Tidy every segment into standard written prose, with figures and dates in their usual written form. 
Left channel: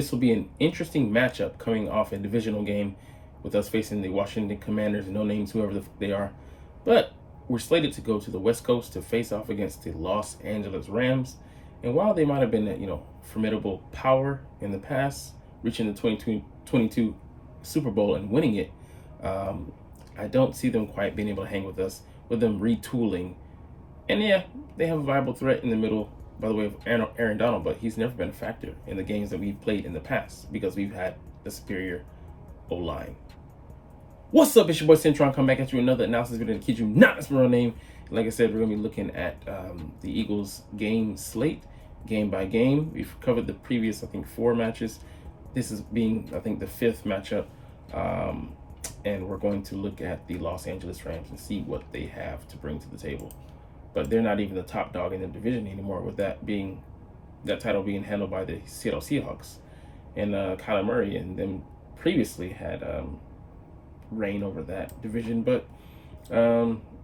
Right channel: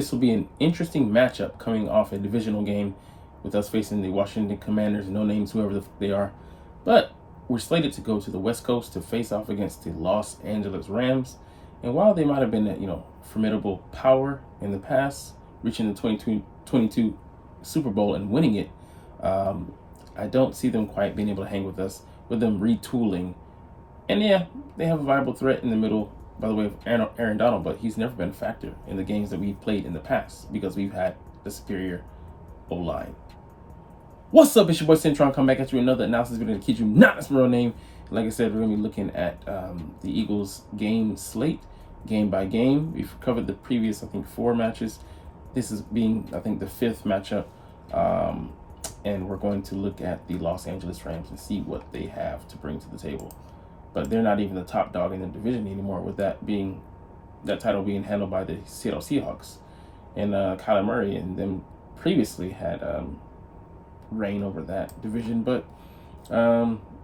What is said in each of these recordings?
This will be an interesting matchup coming off a divisional game with us facing the Washington Commanders, no names, whoever they are. But we're slated to go to the West Coast to face off against the Los Angeles Rams. And while they might have been, formidable power in the past, reaching the 2022 Super Bowl and winning it, I don't see them quite being able to hang with us, with them retooling. And yeah, they have a viable threat in the middle, by the way, of Aaron Donald, but he's never been a factor in the games that we've played in the past because we've had the superior O-line. What's up? It's your boy Centron. Come back at you with another analysis video to keep you not his real name. Like I said, we're going to be looking at the Eagles game slate, game by game. We've covered the previous, 4 matches. This is being, the 5th matchup. And we're going to look at the Los Angeles Rams and see what they have to bring to the table. But they're not even the top dog in the division anymore, with that title being handled by the Seattle Seahawks. And Kyler Murray and them previously had reign over that division, but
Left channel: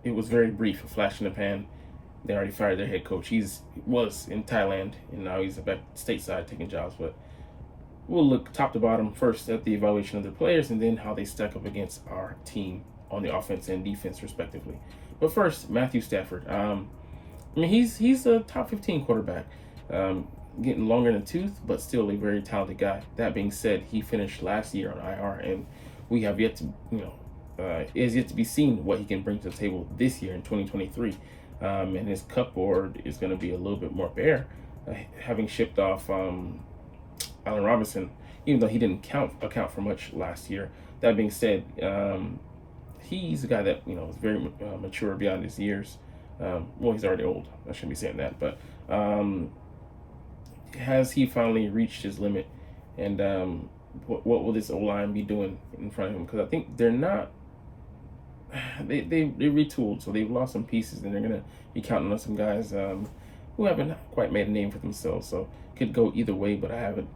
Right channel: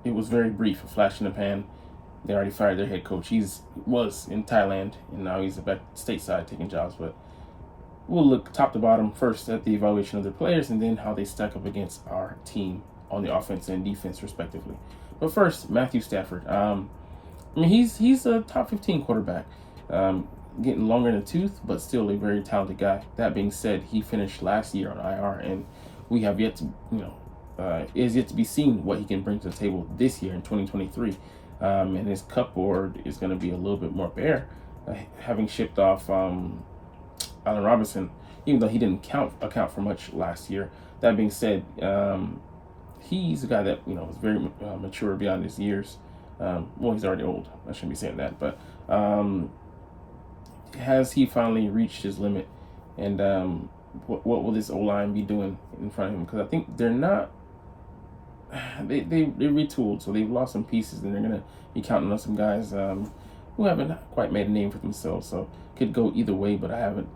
it was very brief, a flash in the pan. They already fired their head coach. He was in Thailand, and now he's back stateside taking jobs. But we'll look top to bottom first at the evaluation of their players, and then how they stack up against our team on the offense and defense, respectively. But first, Matthew Stafford. He's a top 15 quarterback, getting longer in the tooth, but still a very talented guy. That being said, he finished last year on IR, and we have yet to, it is yet to be seen what he can bring to the table this year in 2023. And his cup board is going to be a little bit more bare, having shipped off Allen Robinson, even though he didn't account for much last year. That being said, he's a guy that is very mature beyond his years. Well, he's already old. I shouldn't be saying that, but has he finally reached his limit? And what will this O-line be doing in front of him? Because I think they're not. They retooled, so they've lost some pieces, and they're gonna be counting on some guys who haven't quite made a name for themselves. So could go either way, but I have it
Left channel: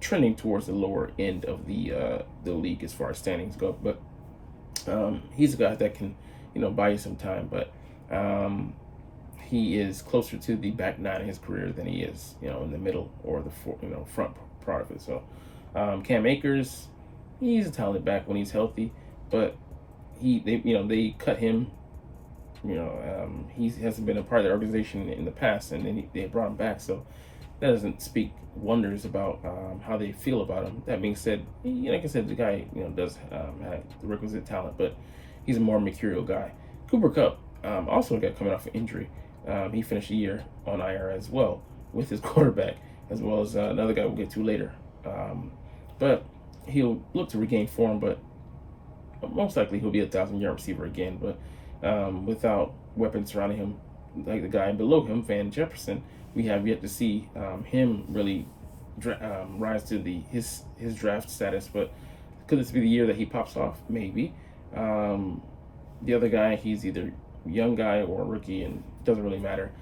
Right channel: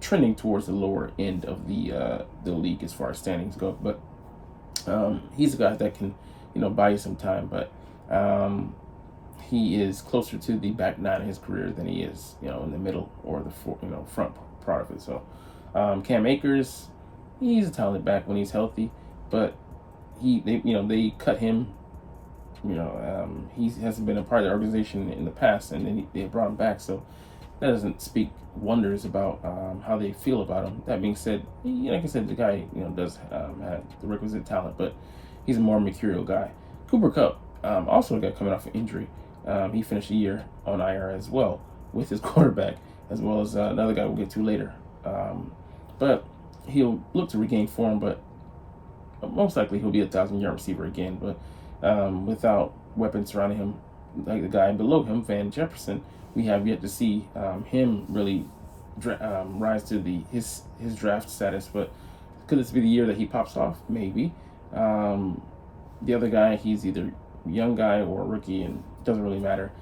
trending towards the lower end of the league as far as standings go. But he's a guy that can buy you some time, but he is closer to the back 9 of his career than he is in the middle or the front part of it. So Cam Akers, he's a talented back when he's healthy, but they cut him. He hasn't been a part of the organization in the past, and then they brought him back. So that doesn't speak wonders about how they feel about him. That being said, like I said, the guy does have the requisite talent, but he's a more mercurial guy. Cooper Kupp, also a guy coming off an injury. He finished a year on IR as well with his quarterback, as well as another guy we'll get to later. But he'll look to regain form, but most likely he'll be a 1,000-yard receiver again. But without weapons surrounding him, like the guy below him, Van Jefferson, we have yet to see him really rise to his draft status. But could this be the year that he pops off? Maybe. The other guy, he's either young guy or rookie, and doesn't really matter.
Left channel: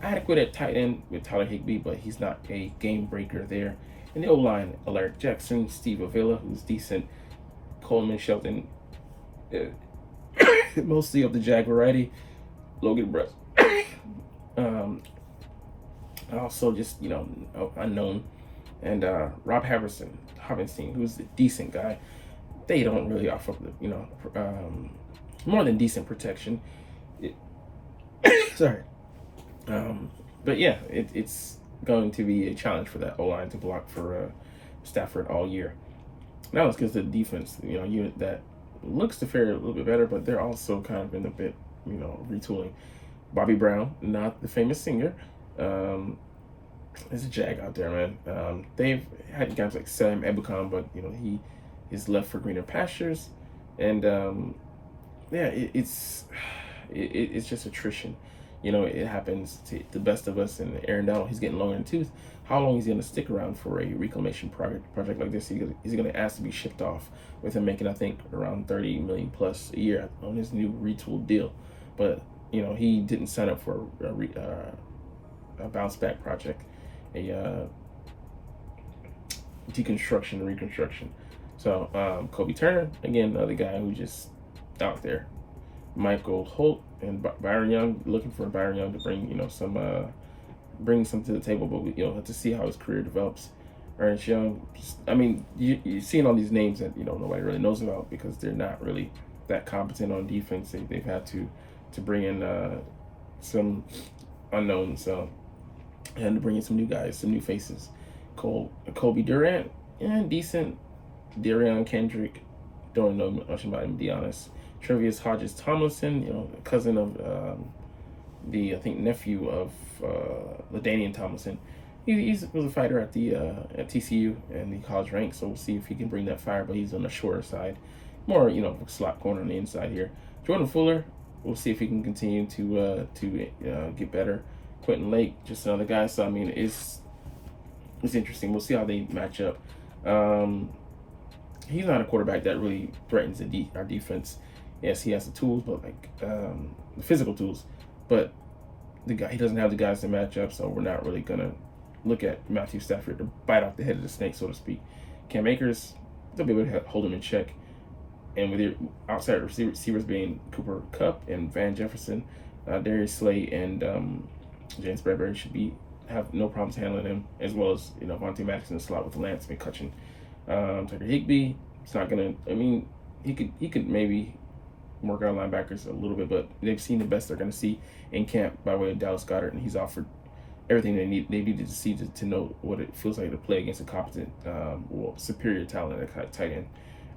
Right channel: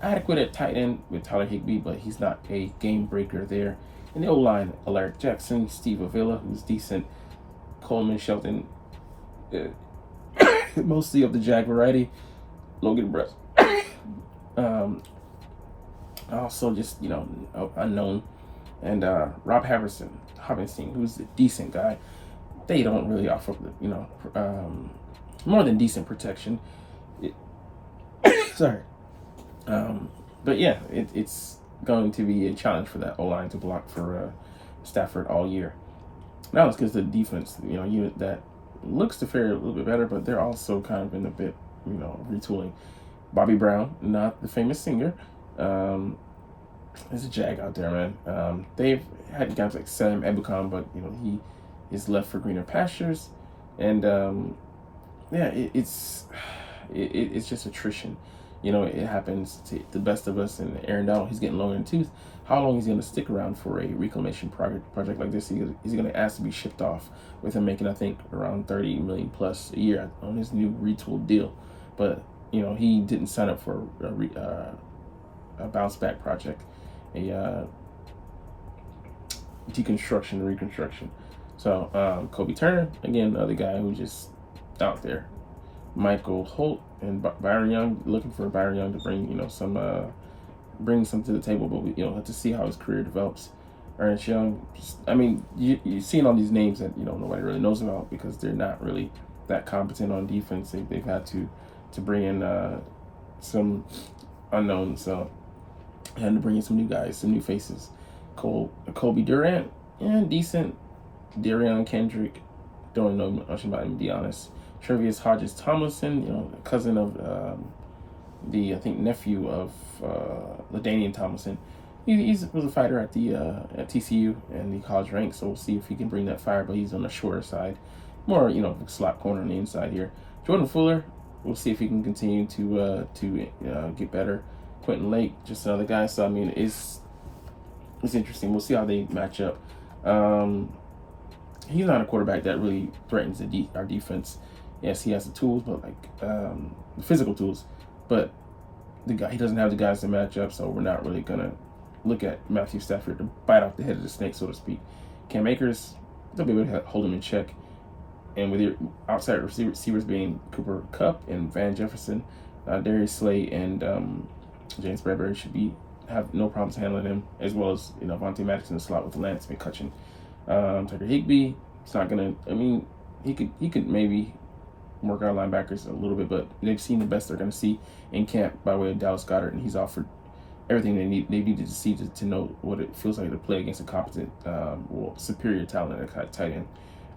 Adequate at tight end with Tyler Higbee, but he's not a game breaker there. And the O-line, Alaric Jackson, Steve Avila, who's decent, Coleman Shelton, mostly of the Jag variety, Logan Brett, also just unknown, and Rob Havenstein, who's a decent guy. They don't really offer more than decent protection. Sorry. But yeah, it's going to be a challenge for that O-line to block for Stafford all year. Now let's get to the defense, unit that looks to fare a little bit better, but they're also kind of in a bit, retooling. Bobby Brown, not the famous singer, there's a Jag out there, man. They've had guys like Sam Ebukam, but he is left for greener pastures, and it's just attrition. It happens to the best of us. And Aaron Donald, he's getting longer in the tooth. How long is he going to stick around for a reclamation project like this? He's going to ask to be shipped off, with him making, I think, around $30 million plus a year on his new retooled deal. But he didn't sign up for a bounce back project, a deconstruction, reconstruction. So Kobe Turner, again, another guy who just out there. Michael Holt and Byron Young, looking for Byron Young to bring bring something to the table, but we have to see how his career develops. Ernest Young. I mean, you're seeing all these names that nobody really knows about because they're not really that competent on defense. They've had to bring in some unknowns, so they had to bring in some new guys, some new faces. Kobe Durant, yeah, decent. Darion Kendrick, don't know much about him, to be honest. Trevius Hodges Tomlinson, cousin of the I think nephew of LaDainian Tomlinson. He was a fighter at the at TCU and the college ranks, so we'll see if he can bring that fire. But he's on the shorter side, more slot corner on the inside here. Jordan Fuller, we'll see if he can continue to get better. Quentin Lake, just another guy. So I mean, it's interesting. We'll see how they match up. He's not a quarterback that really threatens our defense. Yes, he has the tools, but the physical tools, but he doesn't have the guys to match up. So we're not really gonna look at Matthew Stafford to bite off the head of the snake, so to speak. Cam Akers, they'll be able to hold him in check. And with your outside receivers being Cooper Kupp and Van Jefferson, Darius Slay and James Bradbury should have no problems handling him, as well as Vontae Maddox in the slot with Lance McCutcheon. Tucker Higbee, it's not gonna. I mean, he could maybe work out linebackers a little bit, but they've seen the best they're gonna see in camp by way of Dallas Goedert, and he's offered everything they needed to see to know what it feels like to play against a competent, superior talent at tight end,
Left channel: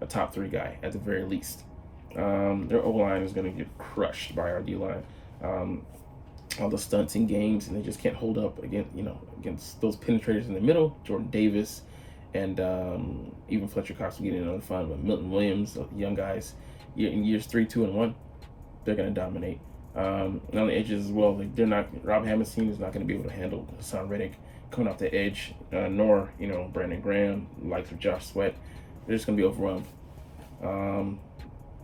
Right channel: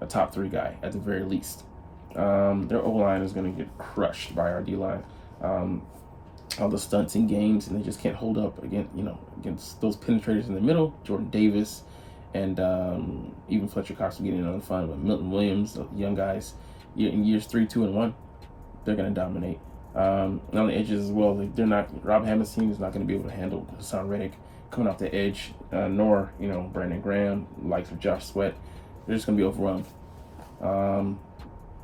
a top 3 guy at the very least. Their O line is gonna get crushed by our D line. All the stunts in games, and they just can't hold up against those penetrators in the middle. Jordan Davis. And even Fletcher Cox will get in on the fun, but Milton Williams, the young guys, in years 3, 2, and 1, they're going to dominate. On the edges as well, they're not. Rob Hammerstein is not going to be able to handle Hassan Reddick coming off the edge, nor Brandon Graham, likes of Josh Sweat. They're just going to be overwhelmed.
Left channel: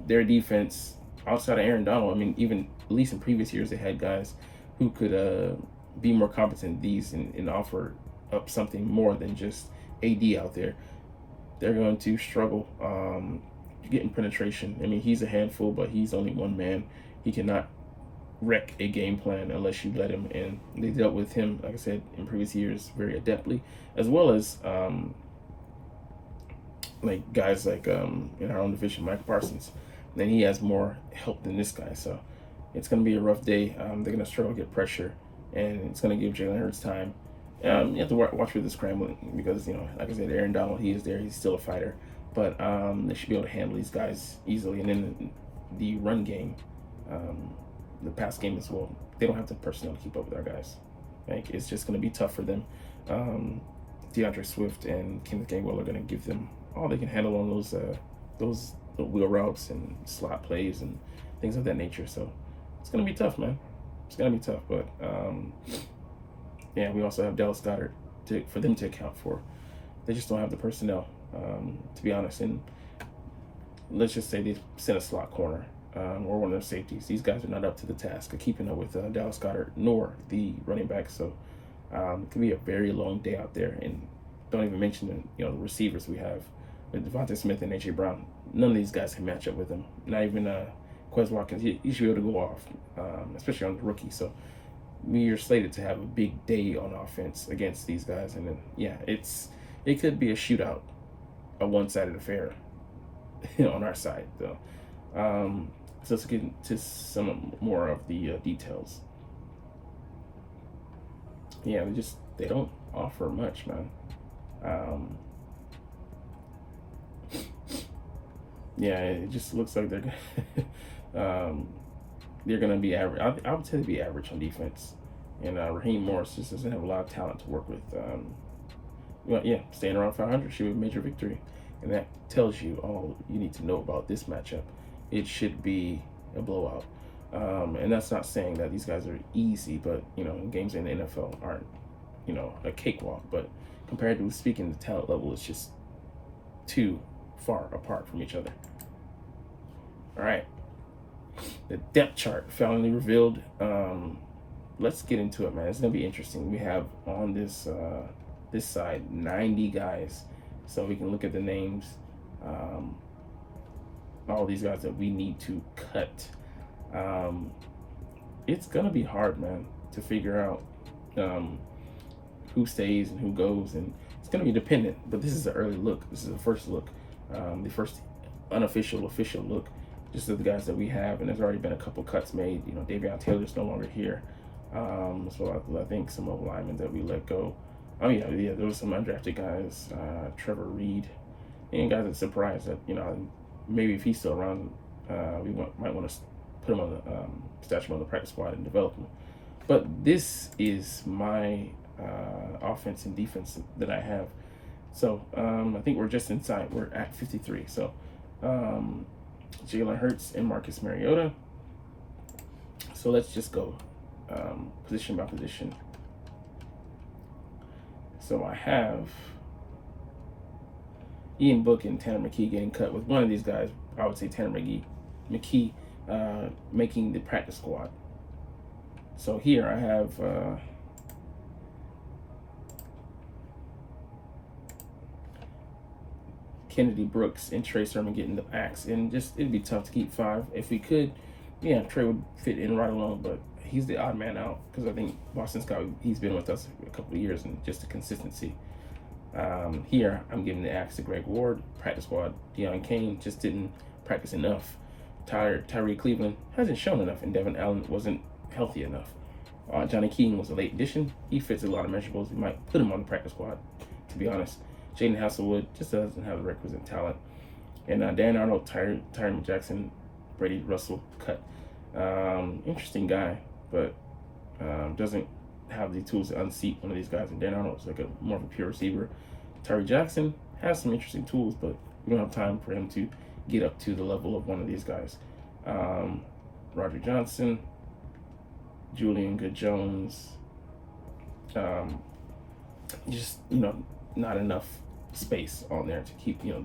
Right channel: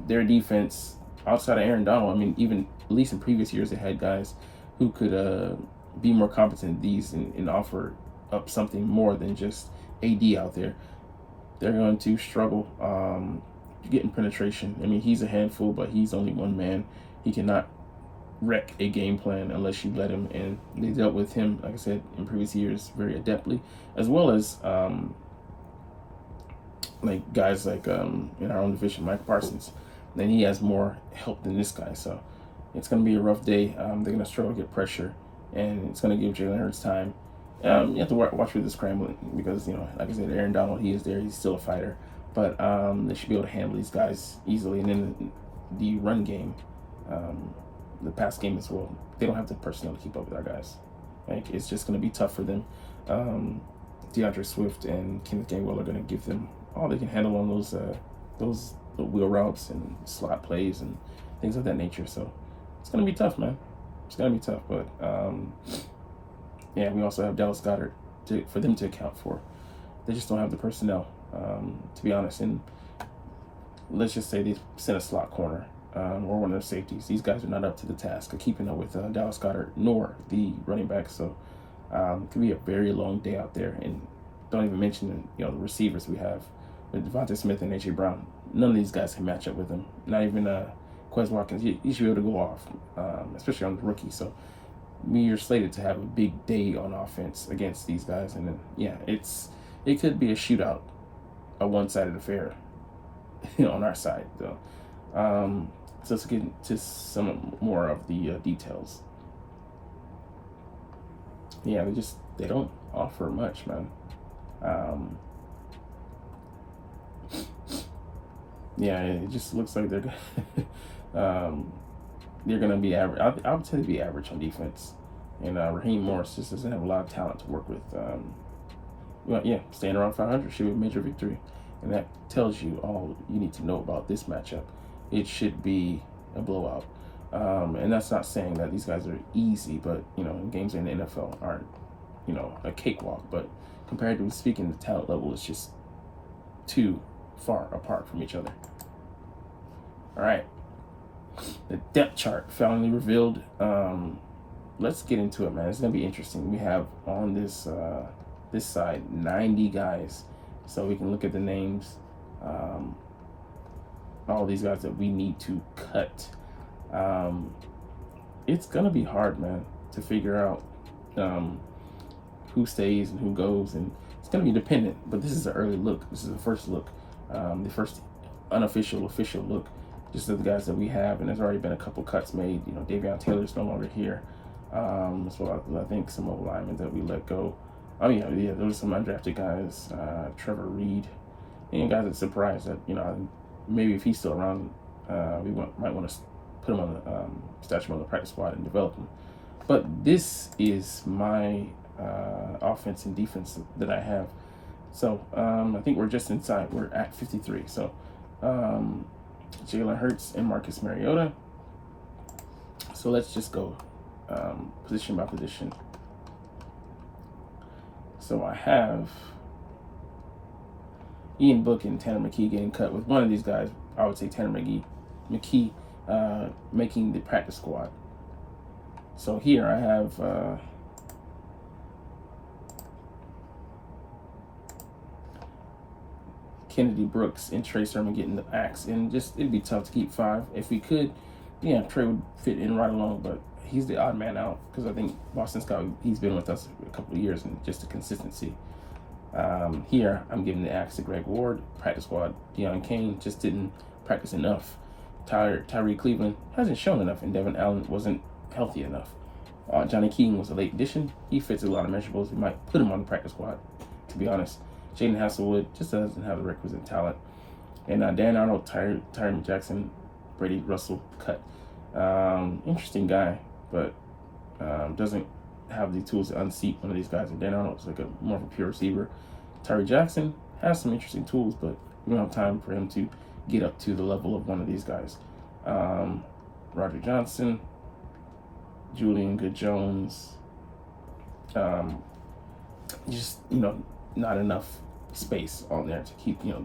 Their defense, outside of Aaron Donald, I mean, even at least in previous years, they had guys who could be more competent these and offer up something more than just AD out there. They're going to struggle getting penetration. I mean, he's a handful, but he's only one man. He cannot wreck a game plan unless you let him. And they dealt with him, like I said, in previous years very adeptly, as well as like guys like in our own division, Mike Parsons. And he has more help than this guy. So it's going to be a rough day. They're going to struggle to get pressure, and it's going to give Jalen Hurts time. You have to watch for the scrambling because, like I said, Aaron Donald, he is there. He's still a fighter. But they should be able to handle these guys easily. And then the run game, the pass game as well, they don't have the personnel to keep up with our guys. Like, it's just going to be tough for them. DeAndre Swift and Kenneth Gainwell are going to give them all they can handle on those wheel routes and slot plays and things of that nature. So it's going to be tough, man. It's going to be tough. But yeah, we also have Dallas Goedert for them to account for. They just don't have the personnel, to be honest. And let's just say they sent a slot corner or one of the safeties. These guys are not up to the task of keeping up with Dallas Goedert nor the running back. So it could be a very long day out there. And don't even mention the receivers we have with Devontae Smith and A.J. Brown. None of these guys can match up with them. Not even Quez Watkins. You should be able to go off, especially on the rookie. So we are slated to have a big day on offense against these guys. And then, yeah, it could be a shootout, a one-sided affair, on our side, though. So let's get into some more of the details. Yeah, they don't offer much, man. Yeah, it just looks like they're gonna be average. I would say they'd be average on defense. And Raheem Morris just doesn't have a lot of talent to work with. Well, yeah, staying around 500 should be a major victory, and that tells you all you need to know about this matchup. It should be a blowout, and that's not saying that these guys are easy, but games in the NFL aren't a cakewalk. But compared to speaking, the talent level is just too far apart from each other. All right, the depth chart finally revealed. Let's get into it, man. It's gonna be interesting. We have on this side 90 guys, so we can look at the names. All these guys that we need to cut. It's gonna be hard, man, to figure out who stays and who goes, and It's going to be dependent, but this is an early look. This is the first look, the first unofficial, official look, just of the guys that we have. And there's already been a couple cuts made. You know, Davion Taylor's no longer here. So I think some old linemen that we let go. Oh yeah, there was some undrafted guys, Trevor Reed, and guys that surprised that, you know, maybe if he's still around, might want to put him on the statue on the practice squad and develop him. But this is my offense and defense that I have. So I think we're just inside. We're at 53. So Jalen Hurts and Marcus Mariota. So let's just go position by position. So I have Ian Book and Tanner McKee getting cut. With one of these guys, I would say Tanner McKee making the practice squad. So here I have Kennedy Brooks and Trey Sermon getting the axe, and just it'd be tough to keep 5. If we could, yeah, Trey would fit in right along, but he's the odd man out because I think Boston Scott, he's been with us a couple of years, and just the consistency. Here I'm giving the axe to Greg Ward, practice squad. Deon Cain just didn't practice enough. Tyree Cleveland hasn't shown enough, and Devin Allen wasn't healthy enough. Johnny Keaton was a late addition. He fits a lot of measurables. We might put him on the practice squad, to be honest. Jaden Hasselwood just doesn't have the requisite talent. And Dan Arnold, Tyree Jackson, Brady Russell cut. Interesting guy, but doesn't have the tools to unseat one of these guys. And Dan Arnold's like more of a pure receiver. Tyree Jackson has some interesting tools, but we don't have time for him to get up to the level of one of these guys. Roger Johnson, Julian Good-Jones, just, you know, not enough space on there to keep, you know,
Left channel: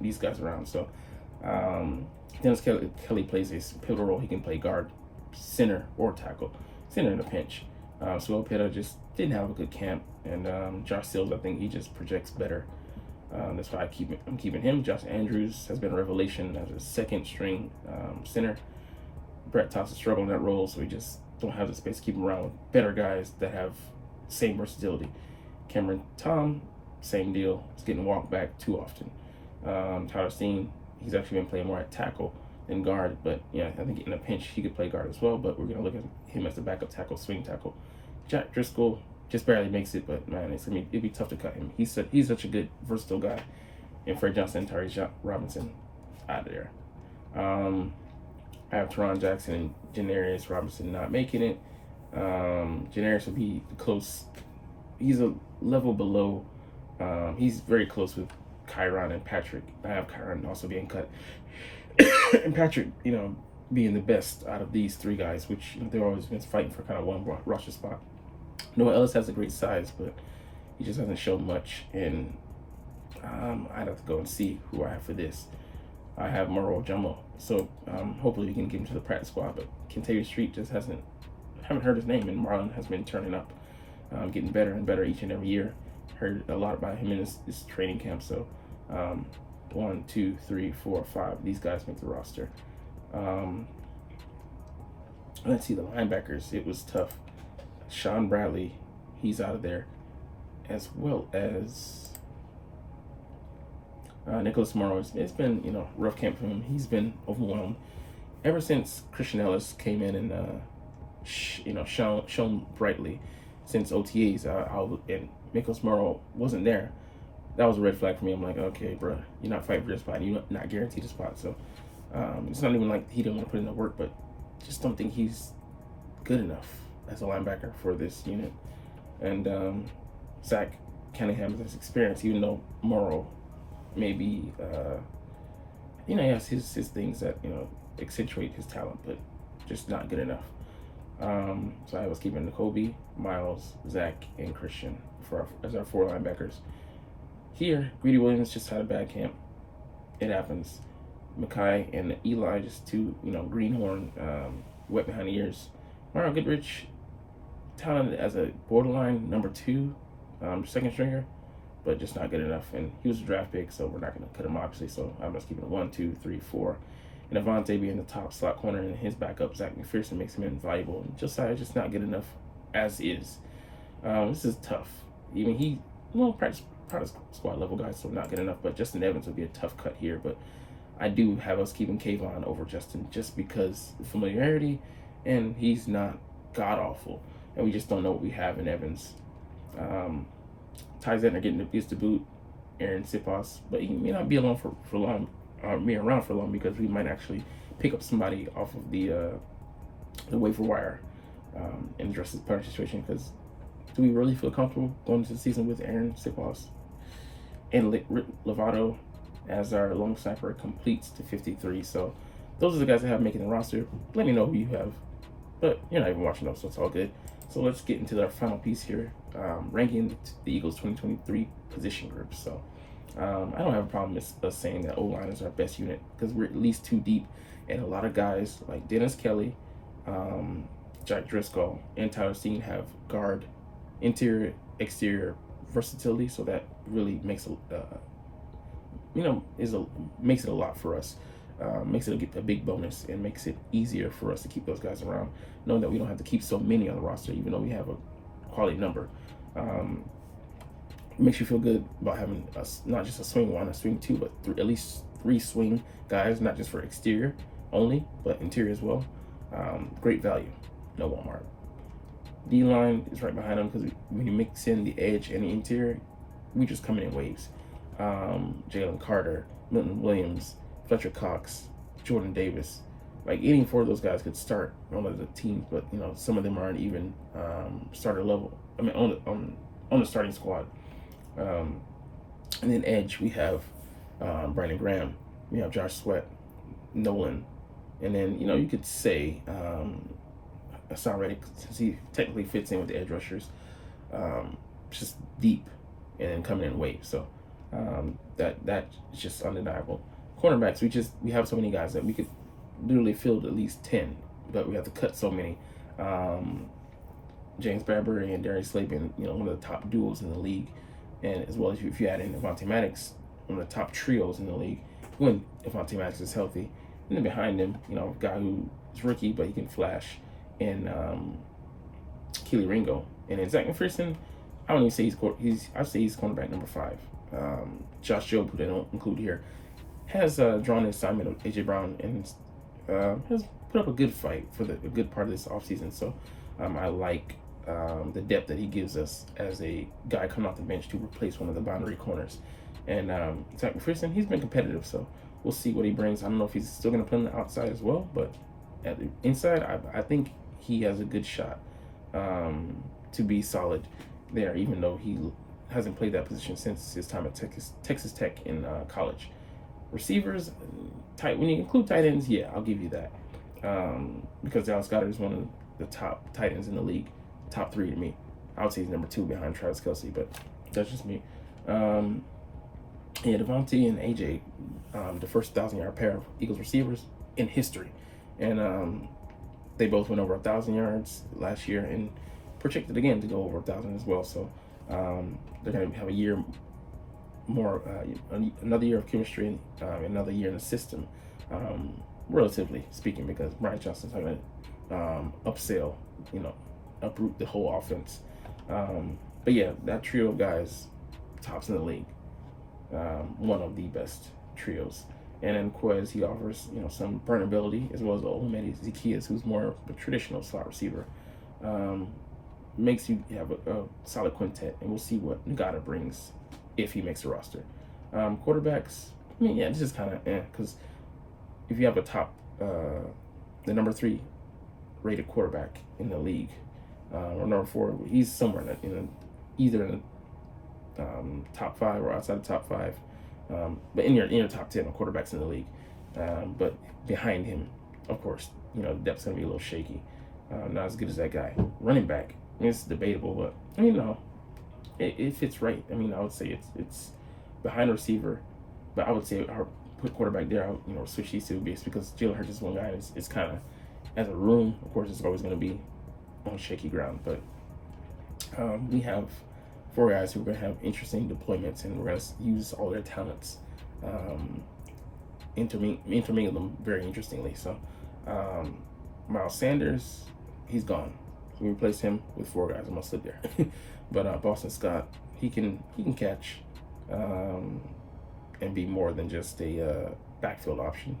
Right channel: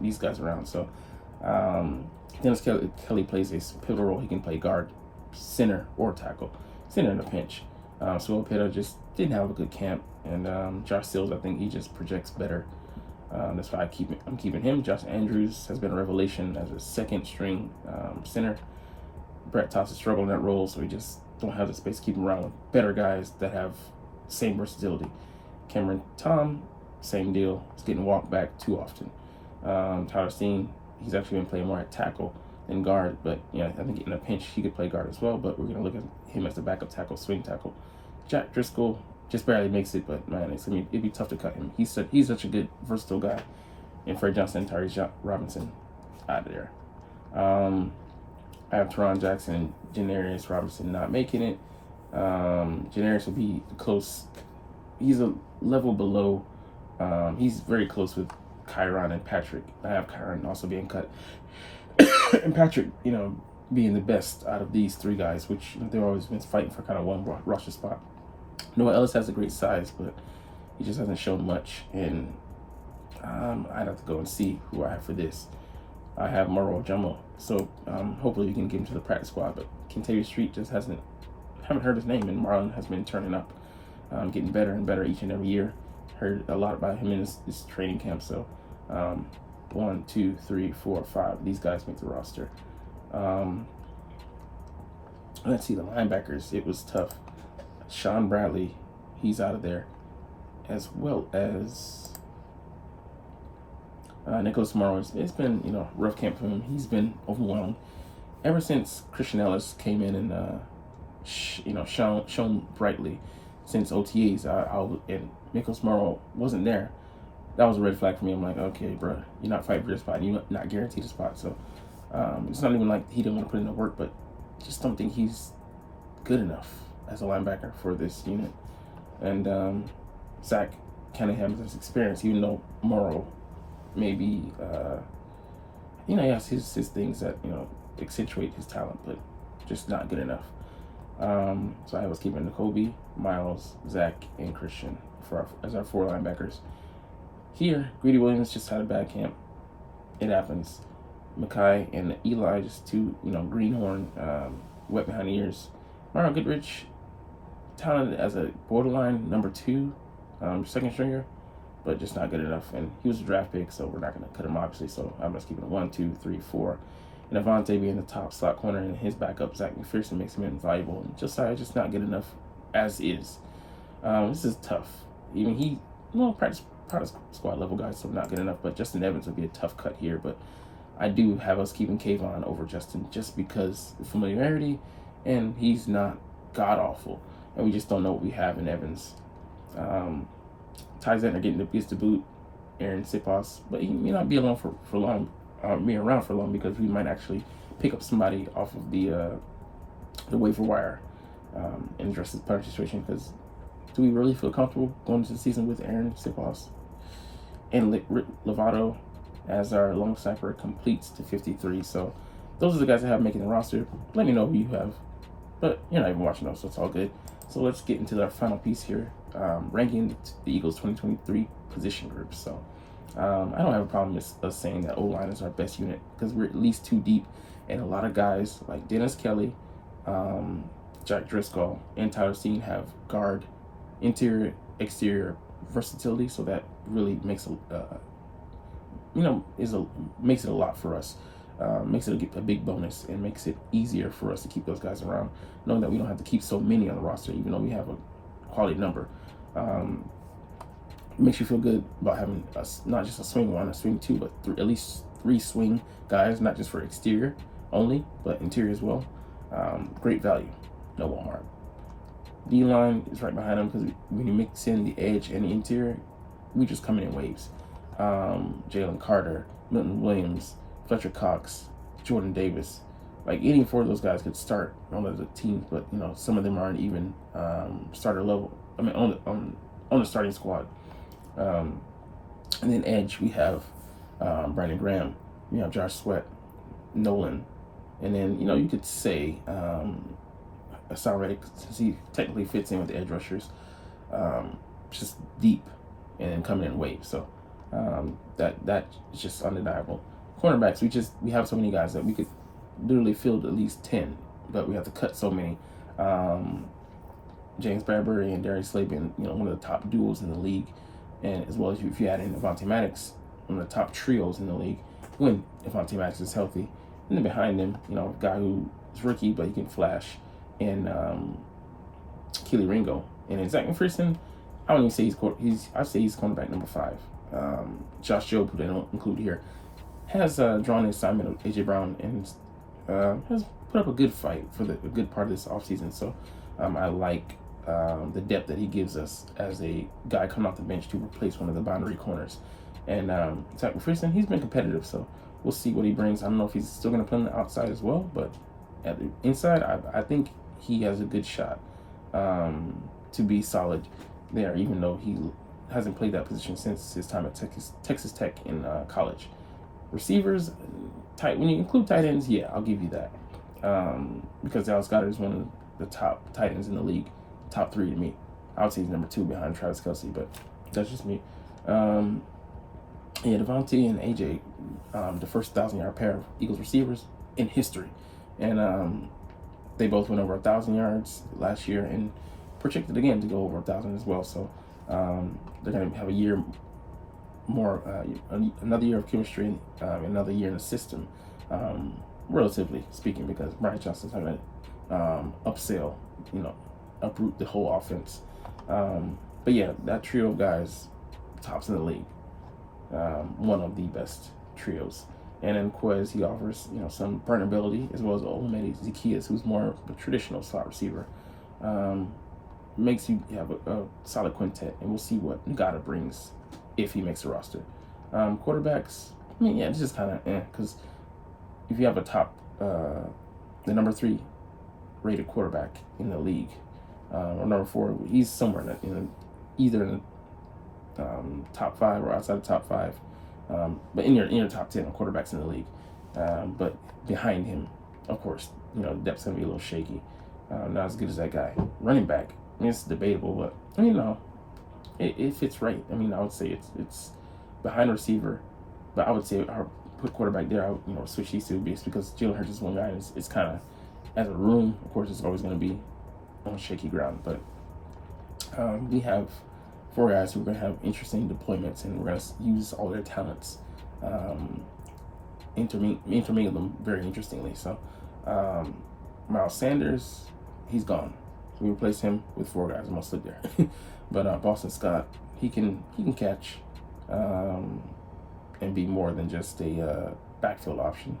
these guys around. So Dennis Kelly plays a pivotal role. He can play guard, center, or tackle. Center in a pinch. So Opeta just didn't have a good camp, and Josh Sills, I think he just projects better. That's why I'm keeping him. Josh Andrews has been a revelation as a second string center. Brett Thompson struggled in that role, so we just don't have the space to keep him around with better guys that have same versatility. Cameron Tom, same deal. He's getting walked back too often. Tyler Steen, he's actually been playing more at tackle than guard, but yeah, I think in a pinch he could play guard as well, but we're going to look at him as the backup tackle, swing tackle. Jack Driscoll just barely makes it, but man, it'd be tough to cut him. He's such a good, versatile guy. And Fred Johnson and Tyree Robinson out of there. I have Teron Jackson and Janarius Robinson not making it. Janarius will be close. He's a level below. He's very close with Kyron and Patrick. I have Kyron also being cut. And Patrick, you know, being the best out of these 3 guys, which, you know, they've always been fighting for kind of one roster spot. Noah Ellis has a great size, but he just hasn't shown much. And I'd have to go and see who I have for this. I have Moro Jumbo, so hopefully we can get him to the practice squad. But Kentavious Street just haven't heard his name, and Marlon has been turning up, getting better and better each and every year. Heard a lot about him in his training camp. So 1, 2, 3, 4, 5. These guys make the roster. Let's see the linebackers. It was tough. Sean Bradley, he's out of there, as well as Nicholas Morrow. It's been, you know, rough camp for him. He's been overwhelmed ever since Christian Ellis came in and shone brightly since OTAs. And Nicholas Morrow wasn't there. That was a red flag for me. I'm like, okay, bro, you're not fighting for your spot. You're not guaranteed a spot. So it's not even like he didn't want to put in the work, but just don't think he's good enough as a linebacker for this unit. And Zach Cunningham has experience, even though Morrow maybe, he has his things that, you know, accentuate his talent, but just not good enough. So I was keeping N'Kobe, Miles, Zach, and Christian as our 4 linebackers. Here, Greedy Williams just had a bad camp. It happens. Makai and Eli, just 2, you know, greenhorn, wet behind the ears. Mario Goodrich, talented as a borderline number 2, second stringer, but just not good enough. And he was a draft pick, so we're not going to cut him, obviously. So I'm just keeping it 1, 2, 3, 4. And Avonte being the top slot corner, and his backup, Zach McPherson, makes him invaluable. And Josiah just not good enough as is. This is tough. Even he well, practice squad level guys, so not good enough. But Justin Evans would be a tough cut here. But I do have us keeping Kayvon over Justin just because the familiarity, and he's not god awful, and we just don't know what we have in Evans. Ty Zentner gets the boot, Aaron Siposs, but he may not be alone for long, me around for long, because we might actually pick up somebody off of the waiver wire and address this punch situation. Because do we really feel comfortable going into the season with Aaron Siposs and Lovato as our long snapper completes to 53? So those are the guys I have making the roster. Let me know who you have, but you're not even watching those, so it's all good. So let's get into our final piece here, ranking the Eagles 2023 position groups. So I don't have a problem with us saying that O-line is our best unit, because we're at least 2 deep, and a lot of guys like Dennis Kelly, Jack Driscoll, and Tyler Steen have guard, interior, exterior versatility. So that really makes makes it a lot for us. Makes it a big bonus, and makes it easier for us to keep those guys around, knowing that we don't have to keep so many on the roster, even though we have a quality number. Makes you feel good about having not just a swing 1, a swing 2, but at least 3 swing guys, not just for exterior only, but interior as well. Great value, no Walmart. D-line is right behind them, because when you mix in the edge and the interior, we just come in waves. Jalen Carter, Milton Williams, Fletcher Cox, Jordan Davis, like any 4 of those guys could start on the team, but some of them aren't even starter level. I mean, on the starting squad. And then edge, we have Brandon Graham, we have Josh Sweat, Nolan, and then you could say Hassan Reddick, since he technically fits in with the edge rushers, just deep and then coming in waves. So that's just undeniable. Cornerbacks, we have so many guys that we could literally field at least 10, but we have to cut so many. James Bradbury and Darius Slay being one of the top duos in the league, and as well as if you add in Avonte Maddox, one of the top trios in the league when Avonte Maddox is healthy. And then behind him, a guy who is rookie but he can flash, and Keely Ringo. And then Zach McPherson, I don't even say I'd say he's cornerback number 5. Josh Jobe, who they don't include here, has drawn the assignment of AJ Brown, and has put up a good fight for a good part of this offseason. So I like the depth that he gives us as a guy coming off the bench to replace one of the boundary corners. And Zach McPherson, he's been competitive, so we'll see what he brings. I don't know if he's still going to play on the outside as well, but at the inside, I think he has a good shot to be solid there, even though he hasn't played that position since his time at Texas Tech in college. Receivers, when you include tight ends, yeah, I'll give you that. Because Dallas Goedert is one of the top tight ends in the league, top 3 to me. I would say he's number 2 behind Travis Kelce, but that's just me. Devontae and AJ, the first 1,000-yard pair of Eagles receivers in history, and they both went over 1,000 yards last year, and projected again to go over 1,000 as well. So they're going to have a year more, another year of chemistry, another year in the system, relatively speaking, because Brian Johnson's going to uproot the whole offense. But yeah, that trio of guys, tops in the league, one of the best trios. And then Quez, he offers some burnability, as well as Olamide Zaccheaus, who's more of a traditional slot receiver. Makes you have a solid quintet, and we'll see what Ngata brings if he makes the roster. Quarterbacks, this is kind of because if you have a top, the number 3 rated quarterback in the league, or number 4, he's somewhere either in the top 5 or outside the top 5, but in your top 10 quarterbacks in the league. But behind him, of course, the depth's gonna be a little shaky. Not as good as that guy. Running back, it's debatable, but it fits right. I would say it's behind receiver, but I would say I put quarterback there. I would switch these two because Jalen Hurts is one guy, and it's kind of, as a room, of course, it's always going to be on shaky ground. But we have 4 guys who are going to have interesting deployments, and we're going to use all their talents, intermingle them very interestingly. So Miles Sanders, he's gone. So we replace him with 4 guys. I'm going to slip there. But Boston Scott, he can catch and be more than just a backfield option.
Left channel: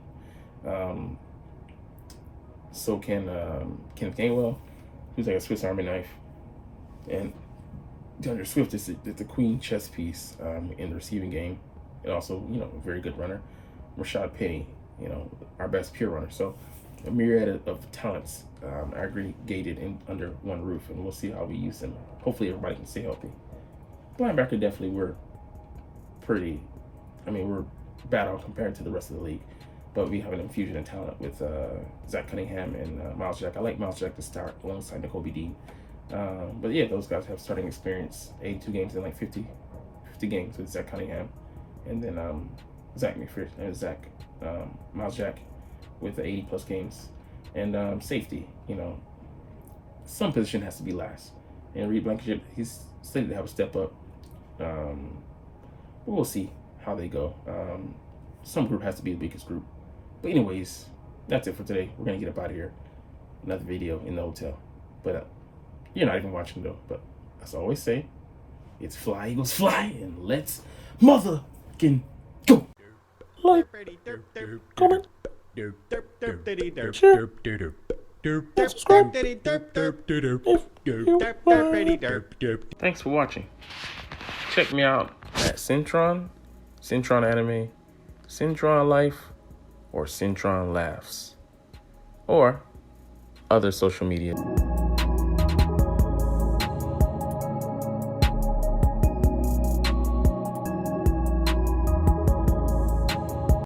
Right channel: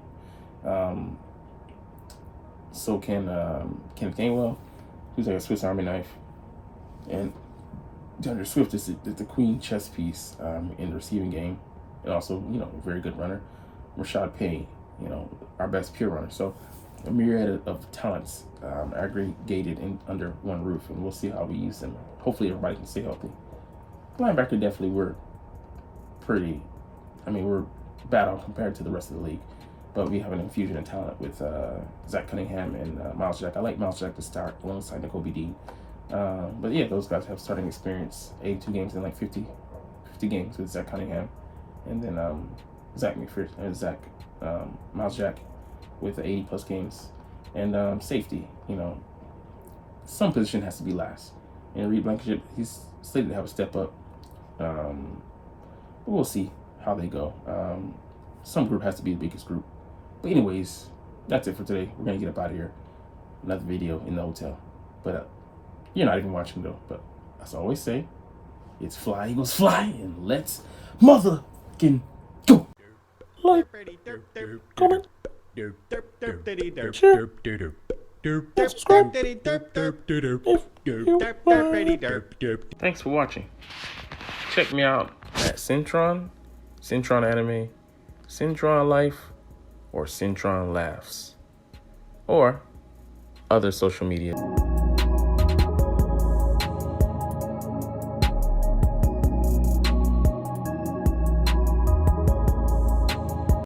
So can Kenneth Gainwell, who's like a Swiss Army knife, and DeAndre Swift is the queen chess piece in the receiving game, and also a very good runner. Rashad Penny, our best pure runner. So a myriad of talents aggregated under one roof, and we'll see how we use them. Hopefully everybody can stay healthy. Linebacker, definitely we're bad on compared to the rest of the league, but we have an infusion of talent with Zach Cunningham and Miles Jack. I like Miles Jack to start alongside Nakobe Dean. But yeah, those guys have starting experience, 82 games and like 50 games with Zach Cunningham, and then Miles Jack with 80 plus games. And safety, some position has to be last. And Reed Blankenship, he's slated to have a step up. But we'll see how they go. Some group has to be the biggest group. But anyways, that's it for today. We're going to get up out of here. Another video in the hotel. But you're not even watching though. But as I always say, it's fly, Eagles fly, and let's motherfucking go. Like, comment, share, and subscribe if you Thanks for watching. Check me out at Centron Anime, Centron Life, or Centron Laughs, or other social media.